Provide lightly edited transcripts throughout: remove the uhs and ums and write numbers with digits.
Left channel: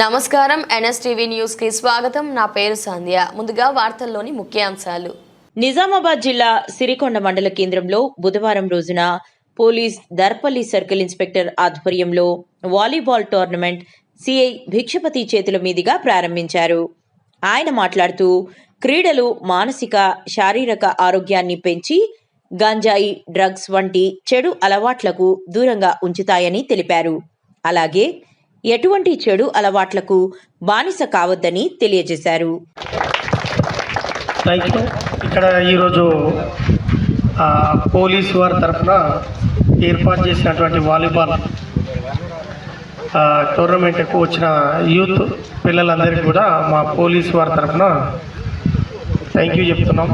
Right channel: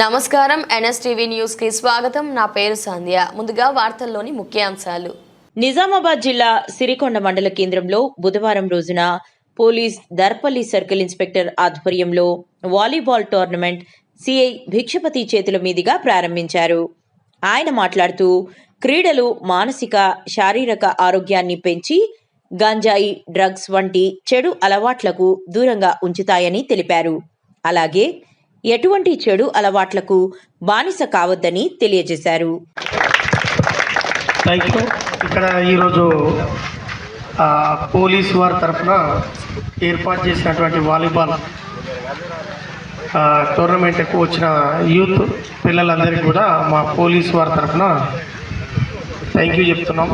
నమస్కారం NSTV news కి స్వాగతం. నా పేరు సంధ్య. ముందుగా వార్తల్లోని ముఖ్యాంశాలు. నిజామాబాద్ జిల్లా సిరికొండ మండల కేంద్రంలో బుధవారం రోజున పోలీస్ దర్పల్లి సర్కిల్ ఇన్స్పెక్టర్ ఆధ్వర్యంలో వాలీబాల్ టోర్నమెంట్ సిఐ భిక్షపతి చేతుల మీదుగా ప్రారంభించారు. ఆయన మాట్లాడుతూ క్రీడలు మానసిక శారీరక ఆరోగ్యాన్ని పెంచి గంజాయి, డ్రగ్స్ వంటి చెడు అలవాట్లకు దూరంగా ఉంచుతాయని తెలిపారు. అలాగే ఎటువంటి చెడు అలవాట్లకు బానిస కావద్దని తెలియజేశారు. ఇక్కడ ఈరోజు పోలీసు వారి తరఫున ఏర్పాటు చేసినటువంటి వాలీబాల్ టోర్నమెంట్కు వచ్చిన యూత్ పిల్లలందరికీ కూడా మా పోలీసు వారి తరఫున థ్యాంక్ యూ చెప్తున్నాం.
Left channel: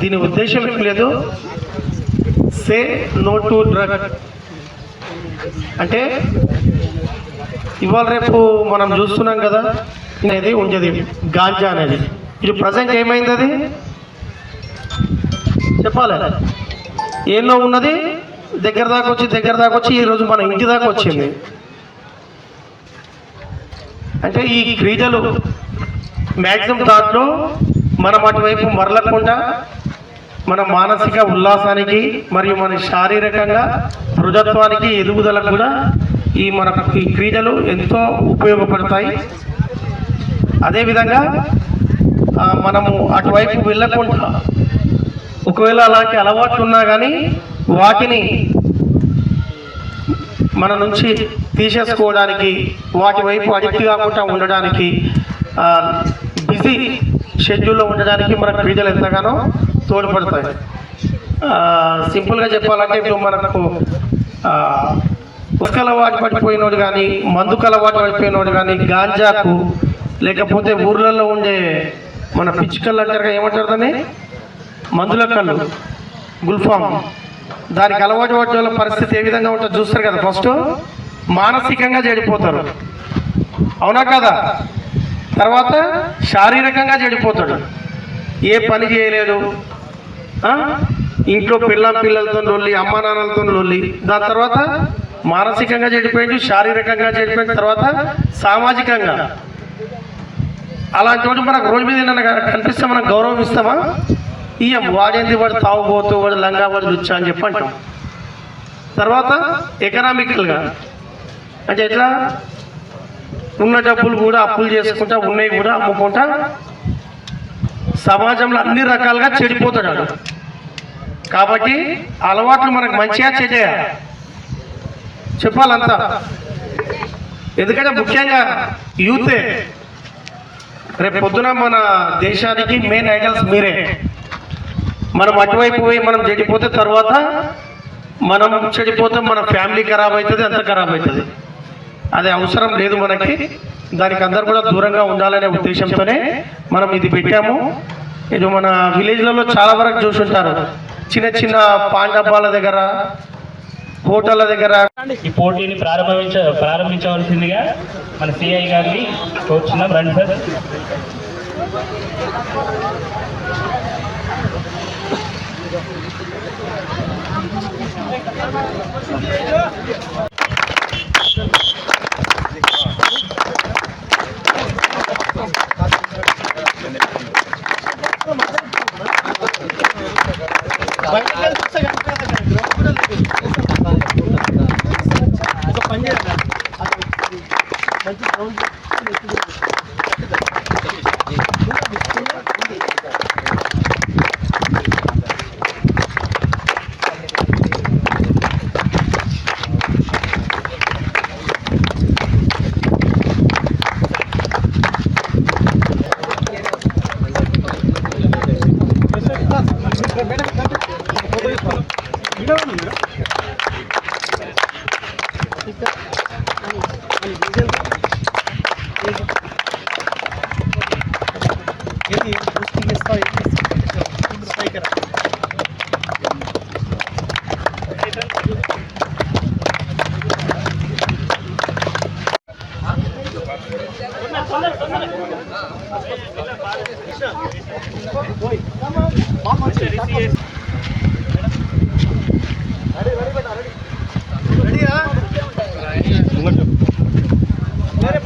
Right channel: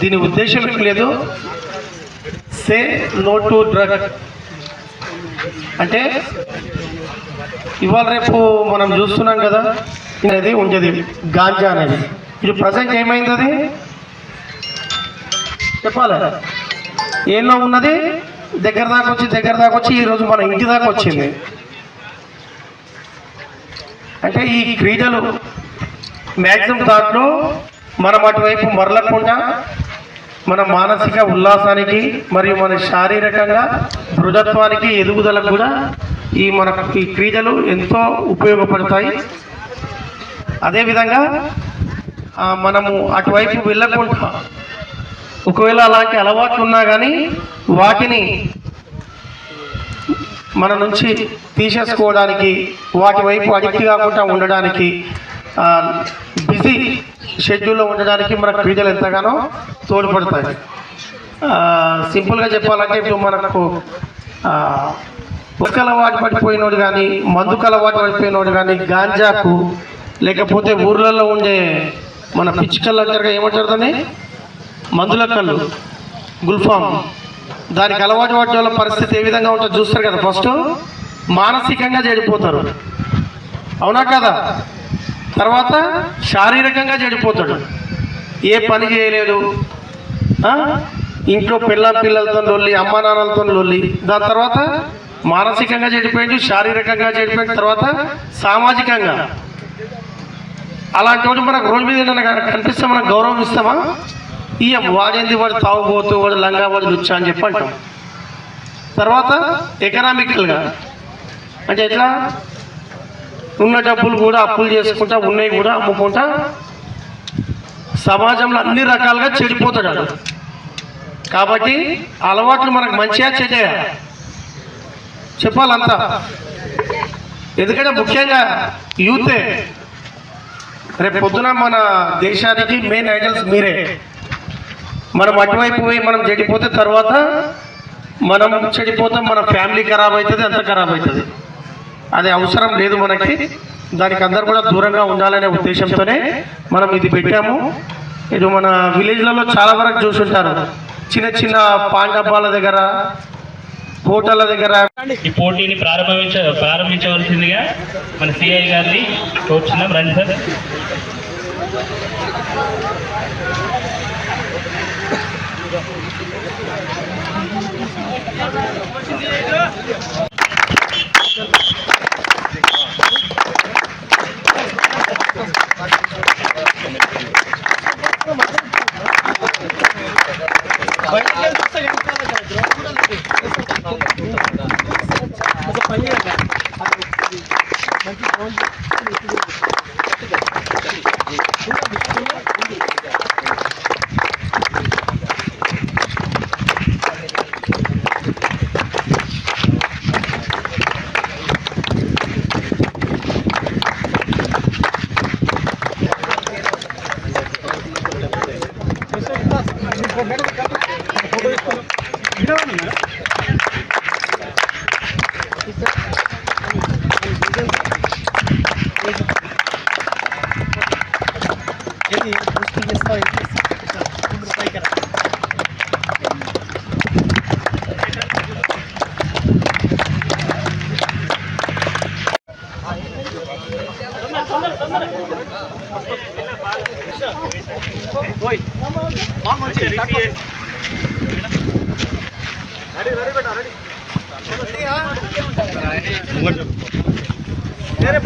దీని ఉద్దేశం లేదు, సే నో టు డ్రగ్ అంటే ఇవాళ రేపు మనం చూస్తున్నాం కదా, అనేది ఉండేది గాంజా అనేది. ఇది ప్రజెంట్ ఏమైంది, అది చెప్పాలి, ఏమో ఉన్నది దగ్గర దాకా వచ్చి ఈరోజు మన ఇంటి దాకా వచ్చింది. అంటే ఈ క్రీడలు మ్యాక్సిమం దాంట్లో మనం అటువైపు మరలకుండా మన మానసిక ఉల్లాసానికి మరియు మన శారీరకంగా దృఢత్వానికి ఎదుగుదలకు కూడా ఈ క్రీడలు ఎంతో ఉపయోగపడతాయి. అదేవిధంగా మనము అటువైపు వెళ్ళకుండా ఒకవేళ అలాంటి అలవాట్లు ఉన్నా కానీ వాటిని మన నుంచి తీసేసుకోవడానికి, వాటి వైపు అడిక్ట్ కాకుండా ఉండడానికి, బిజీ షెడ్యూల్లో ఉండడానికి మన క్రీడలు ఎంతగానో తోడ్పడతాయి. సింపుల్గా చెప్పాలంటే ఇప్పుడు మనకు ఒక అలవాటు పడిపోయినోడు కానీ, మందుకు అలవాటు పడిపోయినోడు కానీ, గాంజాకు, లేకపోతే ఊర్లలో ఉండే మన పిచ్చుకళ్ళు అంటారు, ఏమంటారు దాన్ని, మందుల కళ్ళు, గుల్ఫామ్, దానికి అలవాటు పడే వాళ్ళ పరిస్థితి ఏ విధంగా ఉంటుందో చూస్తారు కదా. ఫస్ట్ మానసికంగా చెడిపోతారు, అవునా కదా? తర్వాత శారీరకంగా చెడిపోతాడు, ఏ పని చేయలేదు, ఇంట్లో పిల్లలతో లొల్లి, అమ్మా నాన్నలతో లొల్లి, దాని తర్వాత మానసికంగా చెడిపోయింది, శారీరకంగా చెడిపోయిన తర్వాత సామాజికంగా. అలాంటి వాడు మనకు రోజు మీద కనిపిస్తే మనం గౌరవం ఇస్తామా? ఇయ్యం. వాడేంది, వాడు తాగుబోతూ, వాడు లంగా, వాడు లుచ్చా అని చెప్పి అంటాం. తర్వాత ఎకనామికల్గా అంటే ఎట్లా, ఉన్న డబ్బులు కూడా అప్పులు చేసుకుంటా, ఉన్నాయి కూడా అమ్ముకుంటా సమాజంలో అన్ని రకాలుగా చెడిపోతాడు. కాబట్టి అలవాట్లు మనకు మంచిగా చెడ్డగా చెప్పాలంతా. ఎందుకంటే ముఖ్యంగా యూతే రేపు పొద్దున మన దేశానికి మెయిన్ ఐడల్స్ మీరే. మనం అటువైపు పోయి మనం చెడిపోతే తర్వాత మనం చెడిపోతాం, మన ఫ్యామిలీ ఖరాబ్ అవుతుంది, అంత ఖరాబ్ అవుతుంది. అది అవసరం లేదు మనకి. దానికి అందరు కూడా దూరంగా ఉండాలనే ఉద్దేశంతోనే మనం ఇది పెట్టాము. ఇది మన విలేజ్లలో చాలా వరకు చూసుంటారు, చిన్న చిన్న పాన్ డబ్బాల దగ్గర, హోటళ్ళ దగ్గర. ఈ పోటీని ప్రారంభించవలసిందిగా మన సిఐ గారిని కోరుచున్నాం. రండి సార్. వేరే